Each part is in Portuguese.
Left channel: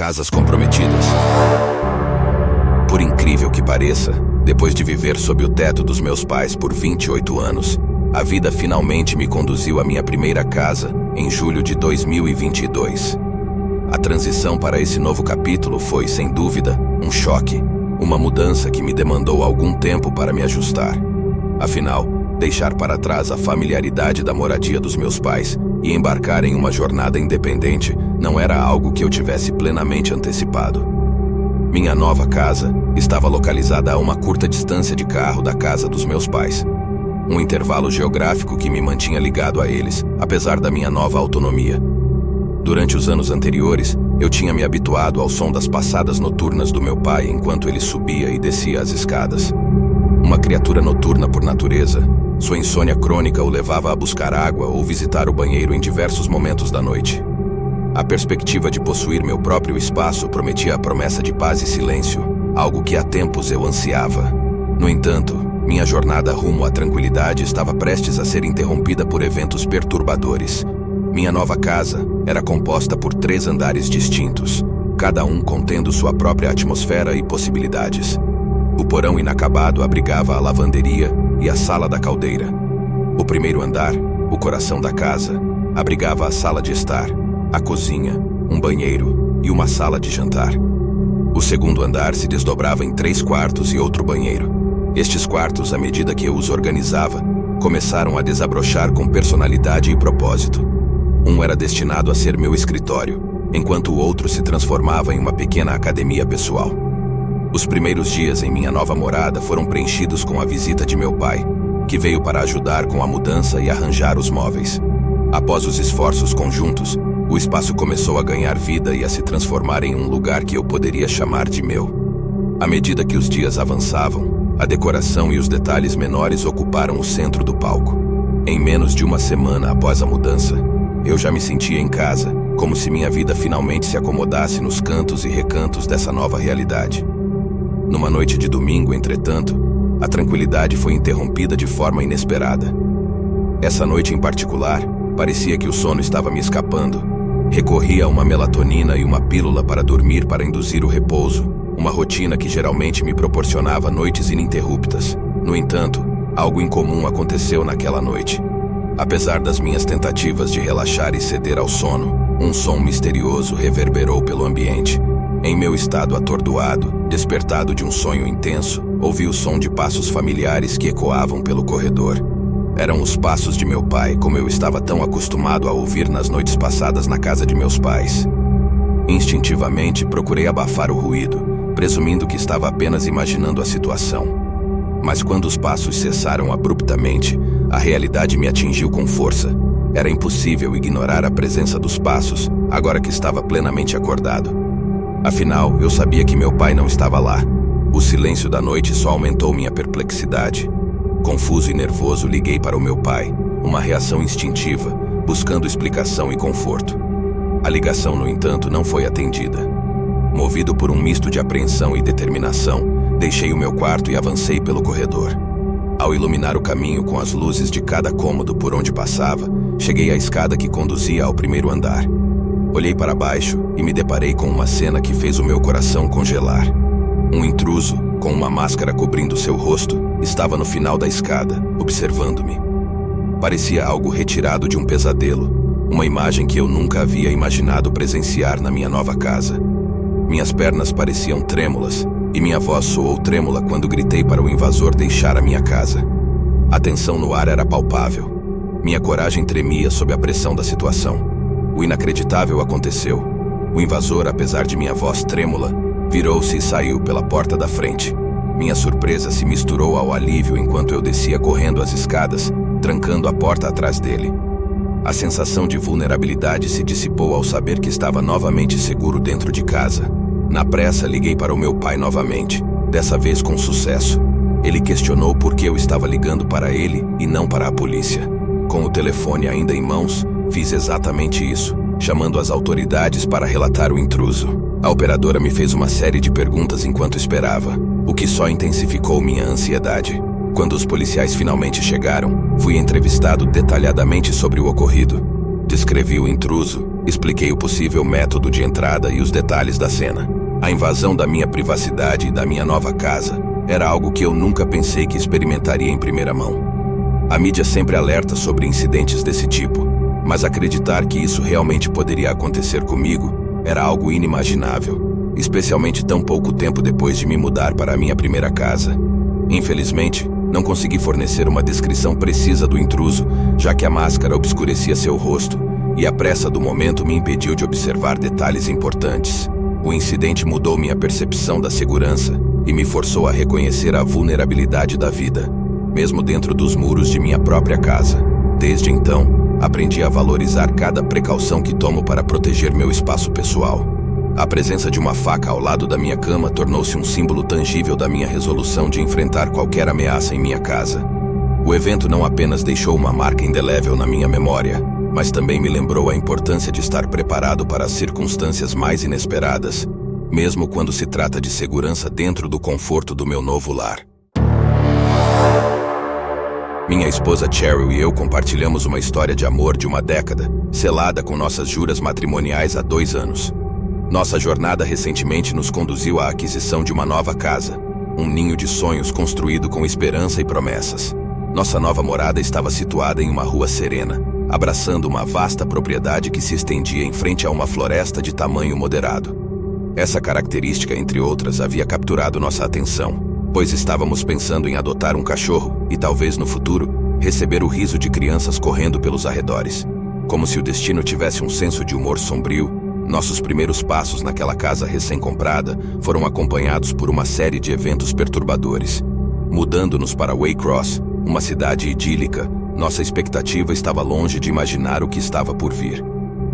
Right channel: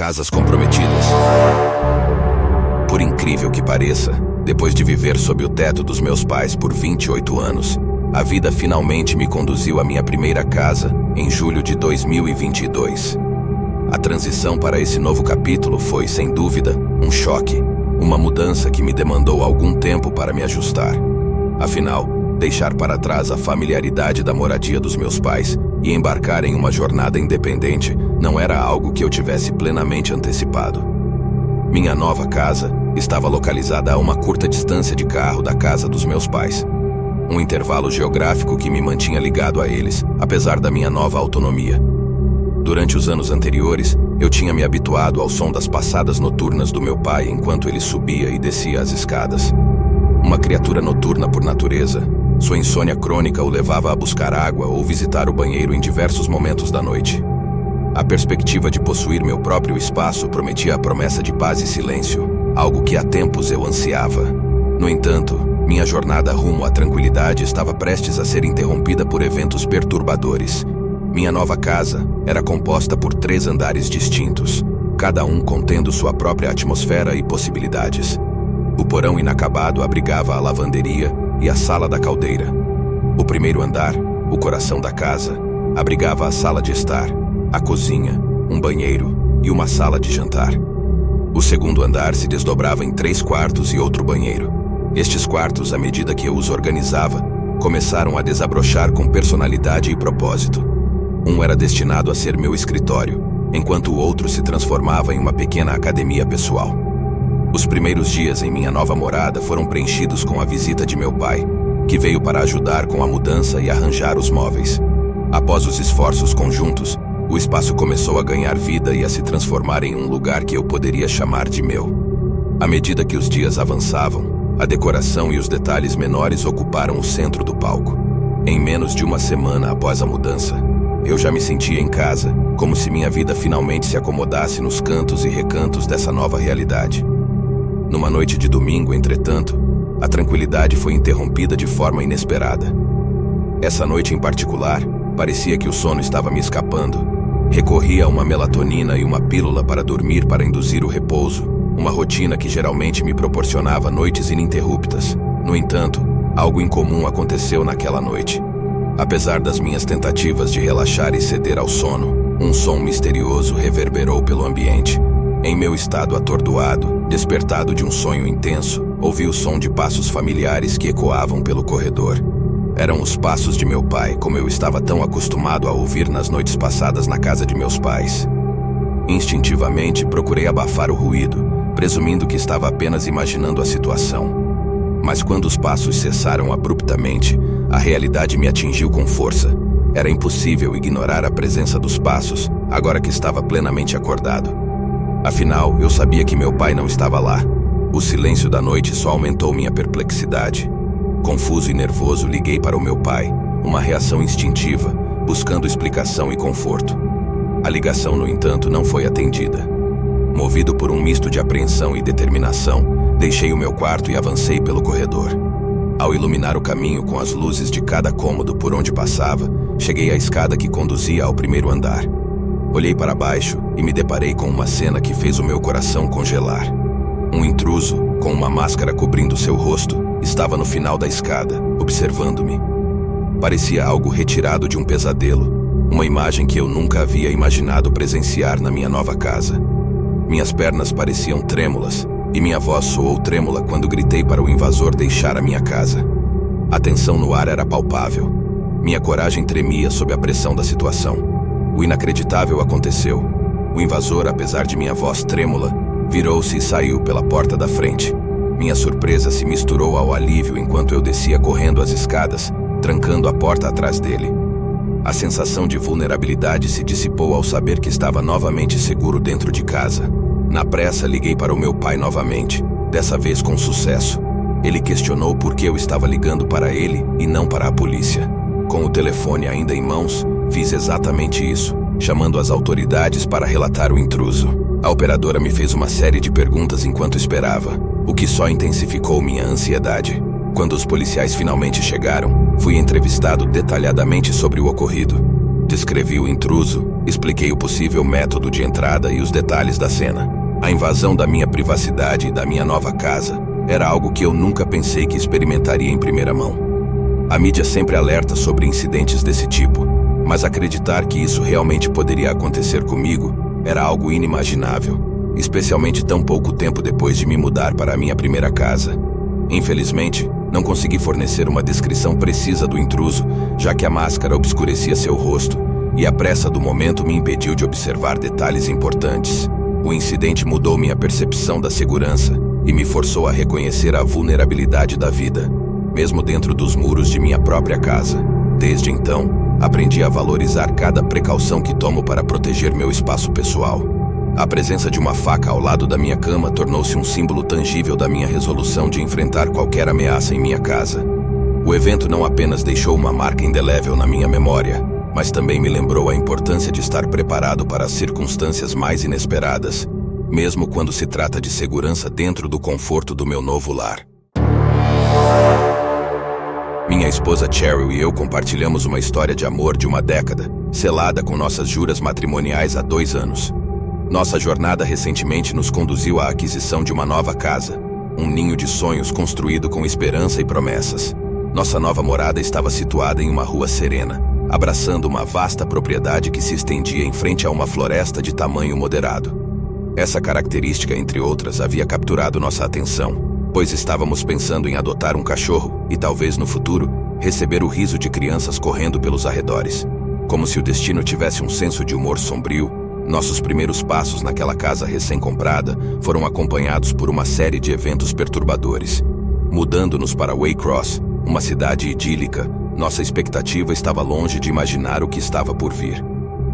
Casas comprometidas. Por incrível que pareça, depois de viver sob o teto dos meus pais por 28 anos, a vida finalmente me conduziu à minha primeira casa em julho de 2022. A transição para esse novo capítulo foi, sem dúvida, um choque, uma mudança que me demandou algum tempo para me ajustar. Afinal, deixar para trás a familiaridade da moradia dos meus pais e embarcar em uma jornada independente não era algo que eu tivesse plenamente antecipado. Minha nova casa estava localizada a uma curta distância de carro da casa dos meus pais. Um intervalo geográfico que me mantinha ligado a eles, apesar da minha nova autonomia. Durante os anos anteriores, eu tinha me habituado ao som das passadas noturnas do meu pai enquanto ele subia e descia as escadas. Uma criatura noturna por natureza, sua insônia crônica o levava a buscar água ou visitar o banheiro em diversos momentos da noite. A perspectiva de possuir meu próprio espaço prometia a promessa de paz e silêncio, algo que há tempos eu ansiava. No entanto, minha jornada rumo à tranquilidade estava prestes a ser interrompida por eventos perturbadores. Minha nova casa era composta por 3 andares distintos, cada um contendo sua própria atmosfera e possibilidades. O porão inacabado abrigava a lavanderia e a sala da caldeira. O primeiro andar, o coração da casa, abrigava a sala de estar, a cozinha, um banheiro e uma sala de jantar. O segundo andar se desdobrava em 3 quartos e outro banheiro. Estes quartos, à medida que eu os organizava, começaram a desabrochar com personalidade e propósito. Um era destinado a ser meu escritório, enquanto o outro se transformava em uma pequena academia pessoal. Os primeiros dias em minha nova morada foram preenchidos com a visita de meu pai, que veio para ajudar com a mudança e arranjar os móveis. Após os esforços conjuntos, o espaço começou a ganhar vida e a se transformar em um lugar que eu poderia chamar de meu. À medida que os dias avançavam, a decoração e os detalhes menores ocuparam o centro do palco. Em menos de uma semana após a mudança, eu já me sentia em casa, como se minha vida finalmente se acomodasse nos cantos e recantos dessa nova realidade. Numa noite de domingo, entretanto, a tranquilidade foi interrompida de forma inesperada. Essa noite em particular, parecia que o sono estava me escapando. Recorri a uma melatonina e uma pílula para dormir para induzir o repouso, uma rotina que geralmente me proporcionava noites ininterruptas. No entanto, algo incomum aconteceu naquela noite. Apesar das minhas tentativas de relaxar e ceder ao sono, um som misterioso reverberou pelo ambiente. Em meu estado atordoado, despertado de um sonho intenso, ouvi o som de passos familiares que ecoavam pelo corredor. Eram os passos de meu pai, como eu estava tão acostumado a ouvir nas noites passadas na casa de meus pais. Instintivamente, procurei abafar o ruído, presumindo que estava apenas imaginando a situação. Mas quando os passos cessaram abruptamente, a realidade me atingiu com força. Era impossível ignorar a presença dos passos, agora que estava plenamente acordado. Afinal, eu sabia que meu pai não estava lá. O silêncio da noite só aumentou minha perplexidade. Confuso e nervoso, liguei para o meu pai, uma reação instintiva, buscando explicação e conforto. A ligação, no entanto, não foi atendida. Movido por um misto de apreensão e determinação, deixei o meu quarto e avancei pelo corredor. Ao iluminar o caminho com as luzes de cada cômodo por onde passava, cheguei à escada que conduzia ao primeiro andar. Olhei para baixo e me deparei com uma cena que fez o meu coração congelar. Um intruso, com uma máscara cobrindo seu rosto, estava no final da escada, observando-me. Parecia algo retirado de um pesadelo, uma imagem que eu nunca havia imaginado presenciar na minha nova casa. Minhas pernas pareciam trêmulas, e minha voz soou trêmula quando gritei para o invasor deixar a minha casa. A tensão no ar era palpável. Minha coragem tremia sob a pressão da situação. O inacreditável aconteceu. O invasor, apesar de minha voz trêmula, virou-se e saiu pela porta da frente. Minha surpresa se misturou ao alívio enquanto eu descia correndo as escadas, trancando a porta atrás dele. A sensação de vulnerabilidade se dissipou ao saber que estava novamente seguro dentro de casa. Na pressa, liguei para o meu pai novamente, dessa vez com sucesso. Ele questionou por que eu estava ligando para ele e não para a polícia. Com o telefone ainda em mãos, fiz exatamente isso, chamando as autoridades para relatar o intruso. A operadora me fez uma série de perguntas enquanto esperava, o que só intensificou minha ansiedade. Quando os policiais finalmente chegaram, fui entrevistado detalhadamente sobre o ocorrido. Descrevi o intruso, Expliquei o possível método de entrada e os detalhes da cena. A invasão da minha privacidade e da minha nova casa era algo que eu nunca pensei que experimentaria em primeira mão. A mídia sempre alerta sobre incidentes desse tipo, mas acreditar que isso realmente poderia acontecer comigo era algo inimaginável, especialmente tão pouco tempo depois de me mudar para a minha primeira casa. Infelizmente, não consegui fornecer uma descrição precisa do intruso, já que a máscara obscurecia seu rosto, e a pressa do momento me impediu de observar detalhes importantes. O incidente mudou minha percepção da segurança e me forçou a reconhecer a vulnerabilidade da vida, mesmo dentro dos muros de minha própria casa. Desde então, aprendi a valorizar cada precaução que tomo para proteger meu espaço pessoal. A presença de uma faca ao lado da minha cama tornou-se um símbolo tangível da minha resolução de enfrentar qualquer ameaça em minha casa. O evento não apenas deixou uma marca indelével na minha memória, mas também me lembrou a importância de estar preparado para as circunstâncias mais inesperadas, mesmo quando se trata de segurança dentro do conforto do meu novo lar. Minha esposa Cheryl e eu compartilhamos uma história de amor de uma década, selada com nossas juras matrimoniais há 2 anos. Nossa jornada recentemente nos conduziu à aquisição de uma nova casa, um ninho de sonhos construído com esperança e promessas. Nossa nova morada estava situada em uma rua serena, abraçando uma vasta propriedade que se estendia em frente a uma floresta de tamanho moderado. Essa característica, entre outras, havia capturado nossa atenção, pois estávamos pensando em adotar um cachorro e talvez no futuro receber o riso de crianças correndo pelos arredores. Como se o destino tivesse um senso de humor sombrio, nossos primeiros passos naquela casa recém-comprada foram acompanhados por uma série de eventos perturbadores. Mudando-nos para Waycross, uma cidade idílica, nossa expectativa estava longe de imaginar o que estava por vir.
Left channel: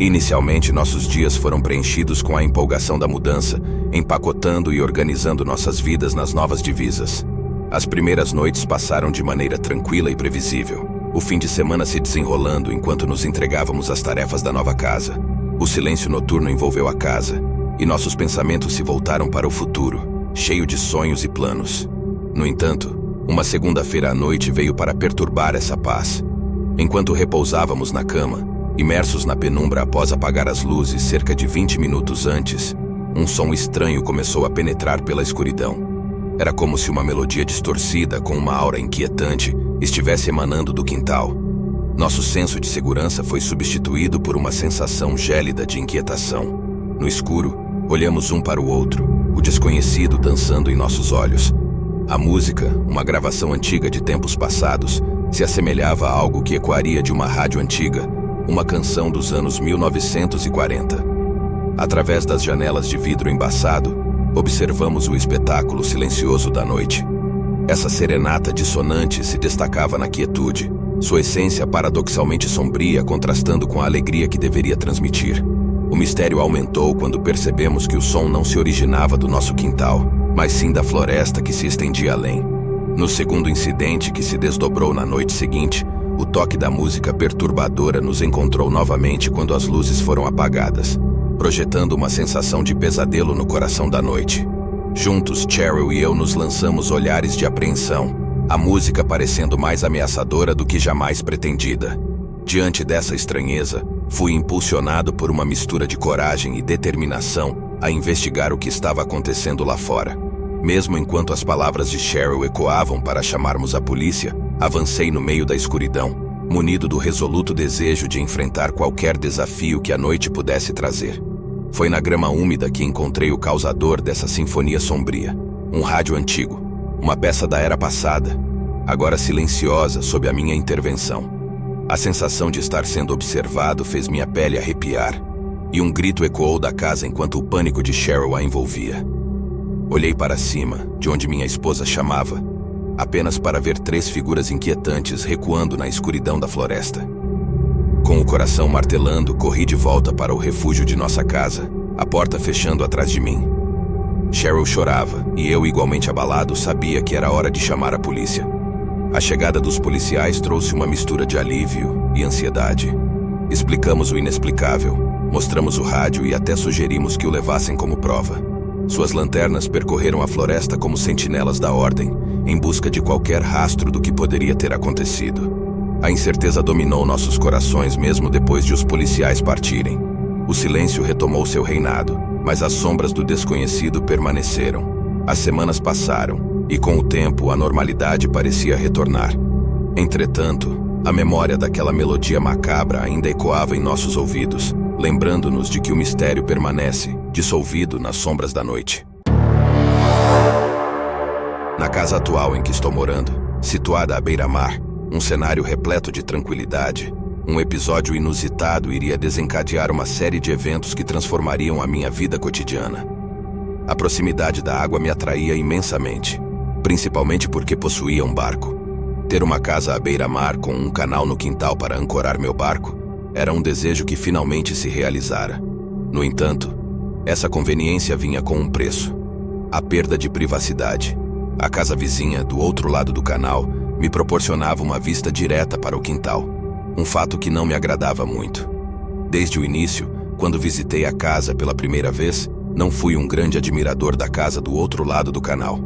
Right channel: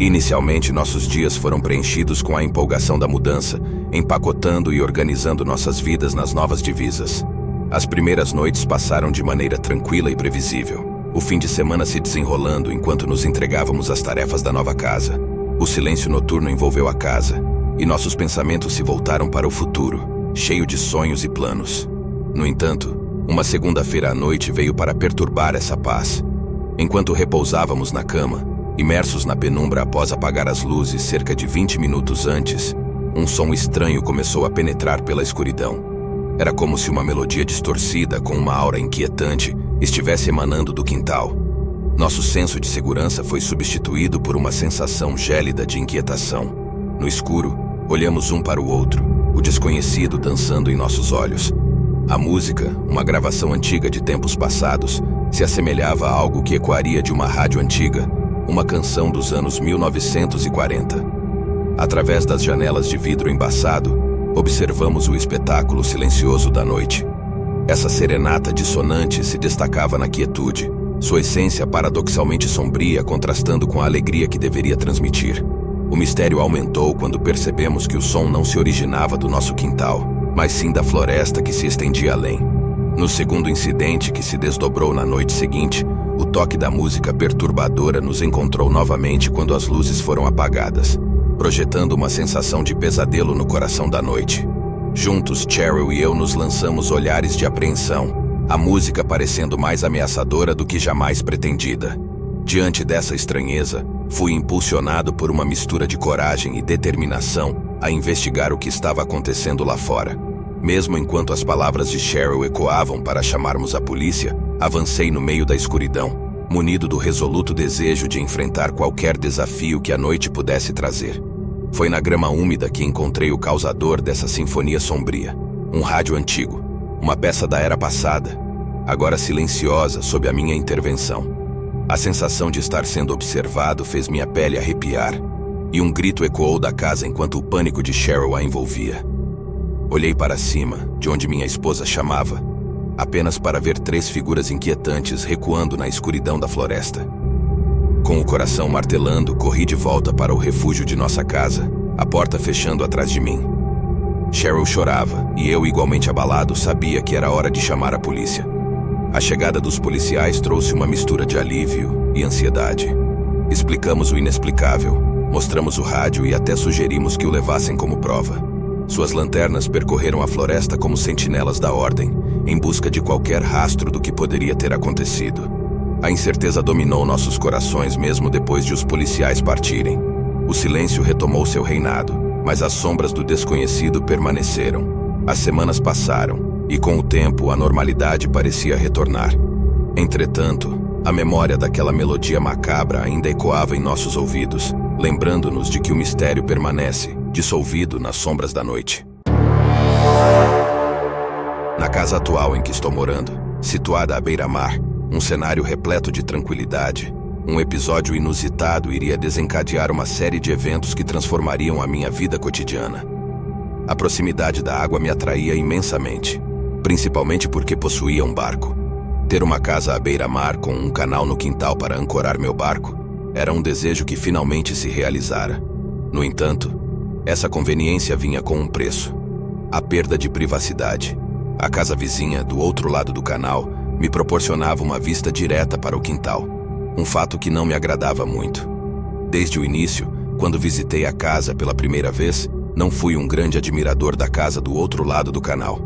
Inicialmente, nossos dias foram preenchidos com a empolgação da mudança, empacotando e organizando nossas vidas nas novas divisas. As primeiras noites passaram de maneira tranquila e previsível, o fim de semana se desenrolando enquanto nos entregávamos às tarefas da nova casa. O silêncio noturno envolveu a casa, e nossos pensamentos se voltaram para o futuro, cheio de sonhos e planos. No entanto, uma segunda-feira à noite veio para perturbar essa paz. Enquanto repousávamos na cama, imersos na penumbra após apagar as luzes cerca de 20 minutos antes, um som estranho começou a penetrar pela escuridão. Era como se uma melodia distorcida com uma aura inquietante estivesse emanando do quintal. Nosso senso de segurança foi substituído por uma sensação gélida de inquietação. No escuro, olhamos um para o outro, o desconhecido dançando em nossos olhos. A música, uma gravação antiga de tempos passados, se assemelhava a algo que ecoaria de uma rádio antiga, uma canção dos anos 1940. Através das janelas de vidro embaçado, observamos o espetáculo silencioso da noite. Essa serenata dissonante se destacava na quietude, sua essência paradoxalmente sombria contrastando com a alegria que deveria transmitir. O mistério aumentou quando percebemos que o som não se originava do nosso quintal, mas sim da floresta que se estendia além. No segundo incidente que se desdobrou na noite seguinte, o toque da música perturbadora nos encontrou novamente quando as luzes foram apagadas, projetando uma sensação de pesadelo no coração da noite. Juntos, Cheryl e eu nos lançamos olhares de apreensão, a música parecendo mais ameaçadora do que jamais pretendida. Diante dessa estranheza, fui impulsionado por uma mistura de coragem e determinação a investigar o que estava acontecendo lá fora. Mesmo enquanto as palavras de Cheryl ecoavam para chamarmos a polícia, avancei no meio da escuridão, munido do resoluto desejo de enfrentar qualquer desafio que a noite pudesse trazer. Foi na grama úmida que encontrei o causador dessa sinfonia sombria, um rádio antigo, uma peça da era passada, agora silenciosa sob a minha intervenção. A sensação de estar sendo observado fez minha pele arrepiar, e um grito ecoou da casa enquanto o pânico de Cheryl a envolvia. Olhei para cima, de onde minha esposa chamava, apenas para ver 3 figuras inquietantes recuando na escuridão da floresta. Com o coração martelando, corri de volta para o refúgio de nossa casa, a porta fechando atrás de mim. Cheryl chorava, e eu, igualmente abalado, sabia que era hora de chamar a polícia. A chegada dos policiais trouxe uma mistura de alívio e ansiedade. Explicamos o inexplicável, mostramos o rádio e até sugerimos que o levassem como prova. Suas lanternas percorreram a floresta como sentinelas da ordem, em busca de qualquer rastro do que poderia ter acontecido. A incerteza dominou nossos corações mesmo depois de os policiais partirem. O O silêncio retomou seu reinado, mas as sombras do desconhecido permaneceram. As semanas passaram, e com o tempo a normalidade parecia retornar. Entretanto, a memória daquela melodia macabra ainda ecoava em nossos ouvidos, lembrando-nos de que o mistério permanece, dissolvido nas sombras da noite. Na casa atual em que estou morando, situada à beira-mar, um cenário repleto de tranquilidade, um episódio inusitado iria desencadear uma série de eventos que transformariam a minha vida cotidiana. A proximidade da água me atraía imensamente, principalmente porque possuía um barco. Ter uma casa à beira-mar com um canal no quintal para ancorar meu barco era um desejo que finalmente se realizara. No entanto, essa conveniência vinha com um preço: a perda de privacidade. A casa vizinha, do outro lado do canal, me proporcionava uma vista direta para o quintal, um fato que não me agradava muito. Desde o início, quando visitei a casa pela primeira vez, não fui um grande admirador da casa do outro lado do canal.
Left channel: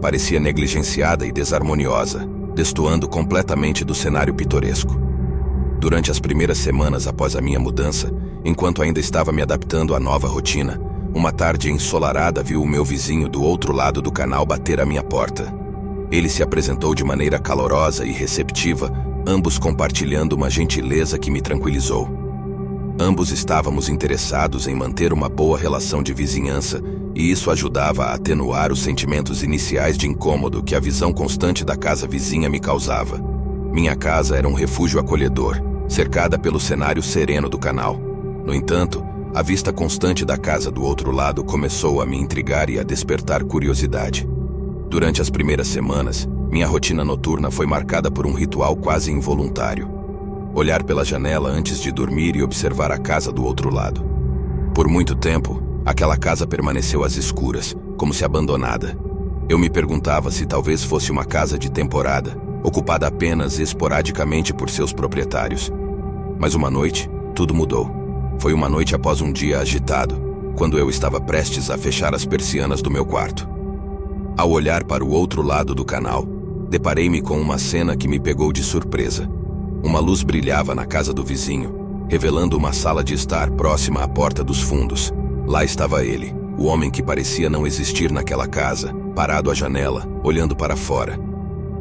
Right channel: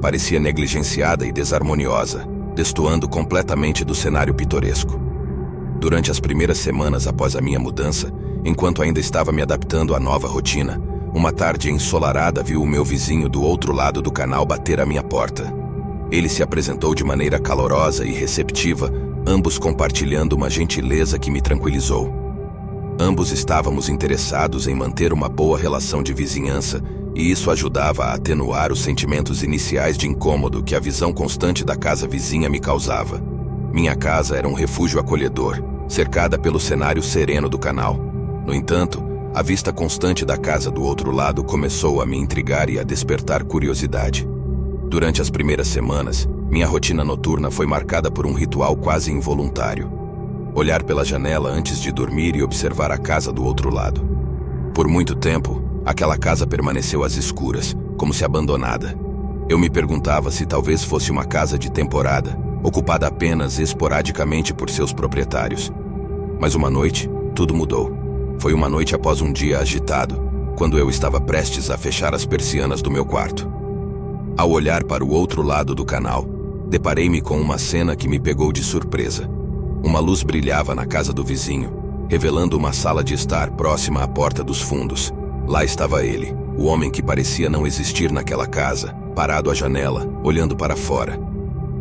Parecia negligenciada e desarmoniosa, destoando completamente do cenário pitoresco. Durante as primeiras semanas após a minha mudança, enquanto ainda estava me adaptando à nova rotina, uma tarde ensolarada viu o meu vizinho do outro lado do canal bater à minha porta. Ele se apresentou de maneira calorosa e receptiva, ambos compartilhando uma gentileza que me tranquilizou. Ambos estávamos interessados em manter uma boa relação de vizinhança, e isso ajudava a atenuar os sentimentos iniciais de incômodo que a visão constante da casa vizinha me causava. Minha casa era um refúgio acolhedor, cercada pelo cenário sereno do canal. No entanto, a vista constante da casa do outro lado começou a me intrigar e a despertar curiosidade. Durante as primeiras semanas, minha rotina noturna foi marcada por um ritual quase involuntário: olhar pela janela antes de dormir e observar a casa do outro lado. Por muito tempo, aquela casa permaneceu às escuras, como se abandonada. Eu me perguntava se talvez fosse uma casa de temporada, ocupada apenas esporadicamente por seus proprietários. Mas uma noite, tudo mudou. Foi uma noite após um dia agitado, quando eu estava prestes a fechar as persianas do meu quarto. Ao olhar para o outro lado do canal, deparei-me com uma cena que me pegou de surpresa. Uma luz brilhava na casa do vizinho, revelando uma sala de estar próxima à porta dos fundos. Lá estava ele, o homem que parecia não existir naquela casa, parado à janela, olhando para fora.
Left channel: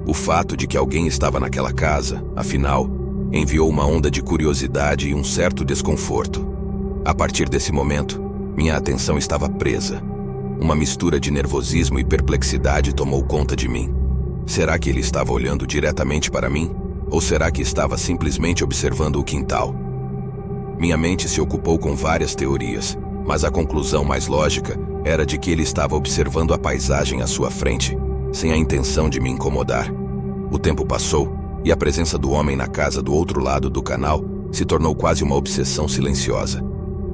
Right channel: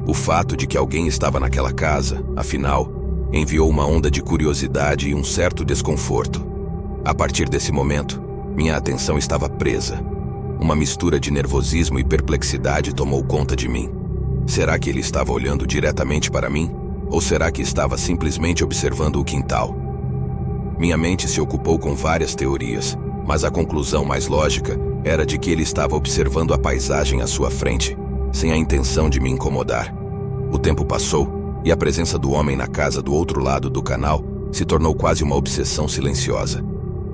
O fato de que alguém estava naquela casa, afinal, enviou uma onda de curiosidade e um certo desconforto. A partir desse momento, minha atenção estava presa. Uma mistura de nervosismo e perplexidade tomou conta de mim. Será que ele estava olhando diretamente para mim? Ou será que estava simplesmente observando o quintal? Minha mente se ocupou com várias teorias, mas a conclusão mais lógica era de que ele estava observando a paisagem à sua frente, sem a intenção de me incomodar. O tempo passou, e a presença do homem na casa do outro lado do canal se tornou quase uma obsessão silenciosa.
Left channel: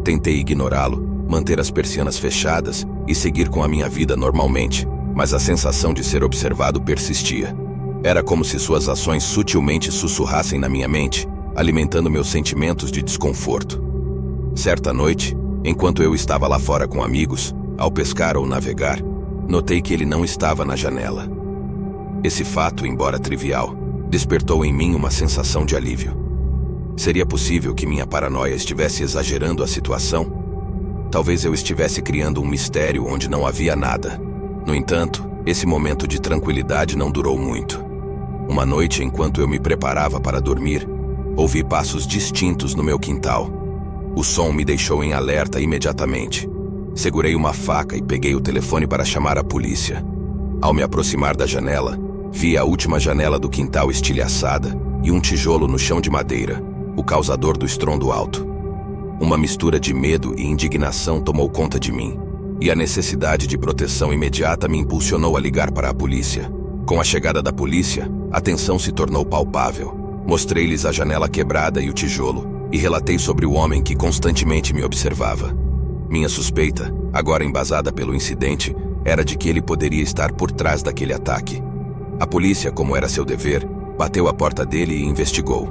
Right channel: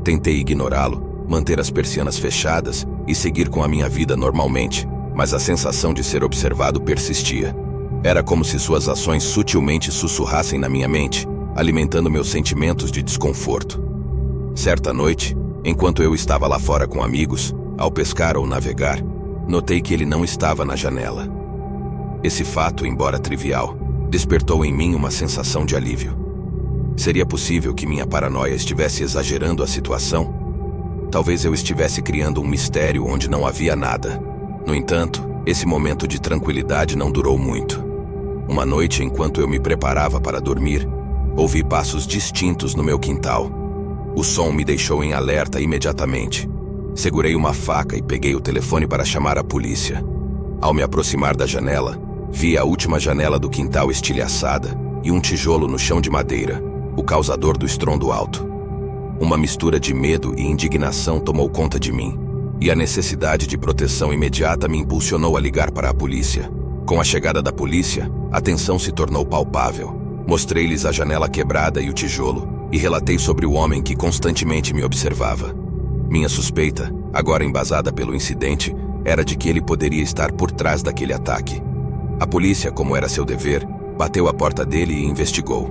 Tentei ignorá-lo, manter as persianas fechadas e seguir com a minha vida normalmente, mas a sensação de ser observado persistia. Era como se suas ações sutilmente sussurrassem na minha mente, alimentando meus sentimentos de desconforto. Certa noite, enquanto eu estava lá fora com amigos, ao pescar ou navegar, notei que ele não estava na janela. Esse fato, embora trivial, despertou em mim uma sensação de alívio. Seria possível que minha paranoia estivesse exagerando a situação? Talvez eu estivesse criando um mistério onde não havia nada. No entanto, esse momento de tranquilidade não durou muito. Uma noite, enquanto eu me preparava para dormir, ouvi passos distintos no meu quintal. O som me deixou em alerta imediatamente. Segurei uma faca e peguei o telefone para chamar a polícia. Ao me aproximar da janela, vi a última janela do quintal estilhaçada e um tijolo no chão de madeira, o causador do estrondo alto. Uma mistura de medo e indignação tomou conta de mim, e a necessidade de proteção imediata me impulsionou a ligar para a polícia. Com a chegada da polícia, a tensão se tornou palpável. Mostrei-lhes a janela quebrada e o tijolo, e relatei sobre o homem que constantemente me observava. Minha suspeita, agora embasada pelo incidente, era de que ele poderia estar por trás daquele ataque. A polícia, como era seu dever, bateu à porta dele e investigou.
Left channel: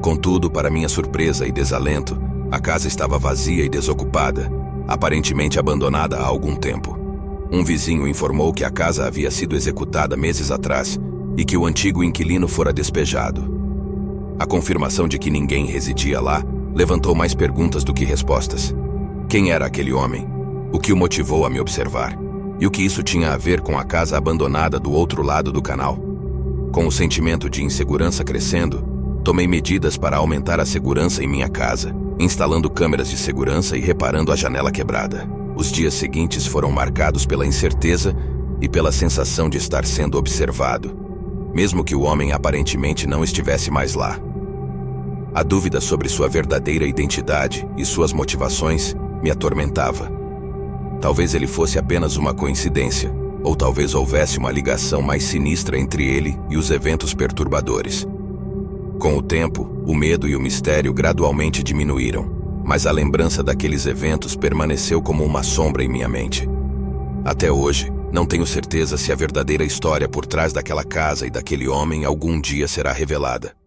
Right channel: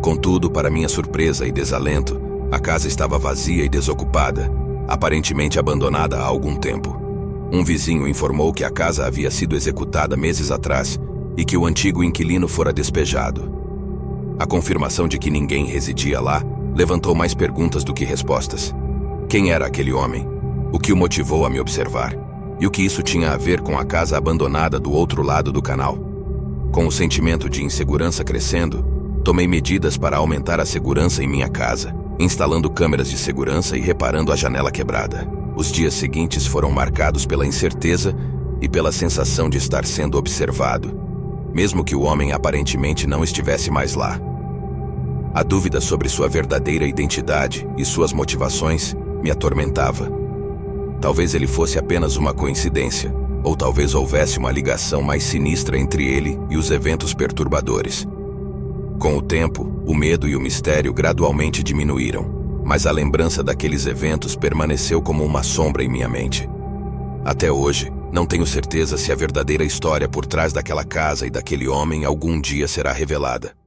Contudo, para minha surpresa e desalento, a casa estava vazia e desocupada, aparentemente abandonada há algum tempo. Um vizinho informou que a casa havia sido executada meses atrás e que o antigo inquilino fora despejado. A confirmação de que ninguém residia lá levantou mais perguntas do que respostas. Quem era aquele homem? O que o motivou a me observar? E o que isso tinha a ver com a casa abandonada do outro lado do canal? Com o sentimento de insegurança crescendo, tomei medidas para aumentar a segurança em minha casa, instalando câmeras de segurança e reparando a janela quebrada. Os dias seguintes foram marcados pela incerteza e pela sensação de estar sendo observado, mesmo que o homem aparentemente não estivesse mais lá. A dúvida sobre sua verdadeira identidade e suas motivações me atormentava. Talvez ele fosse apenas uma coincidência, ou talvez houvesse uma ligação mais sinistra entre ele e os eventos perturbadores. Com o tempo, o medo e o mistério gradualmente diminuíram, mas a lembrança daqueles eventos permaneceu como uma sombra em minha mente. Até hoje, não tenho certeza se a verdadeira história por trás daquela casa e daquele homem algum dia será revelada.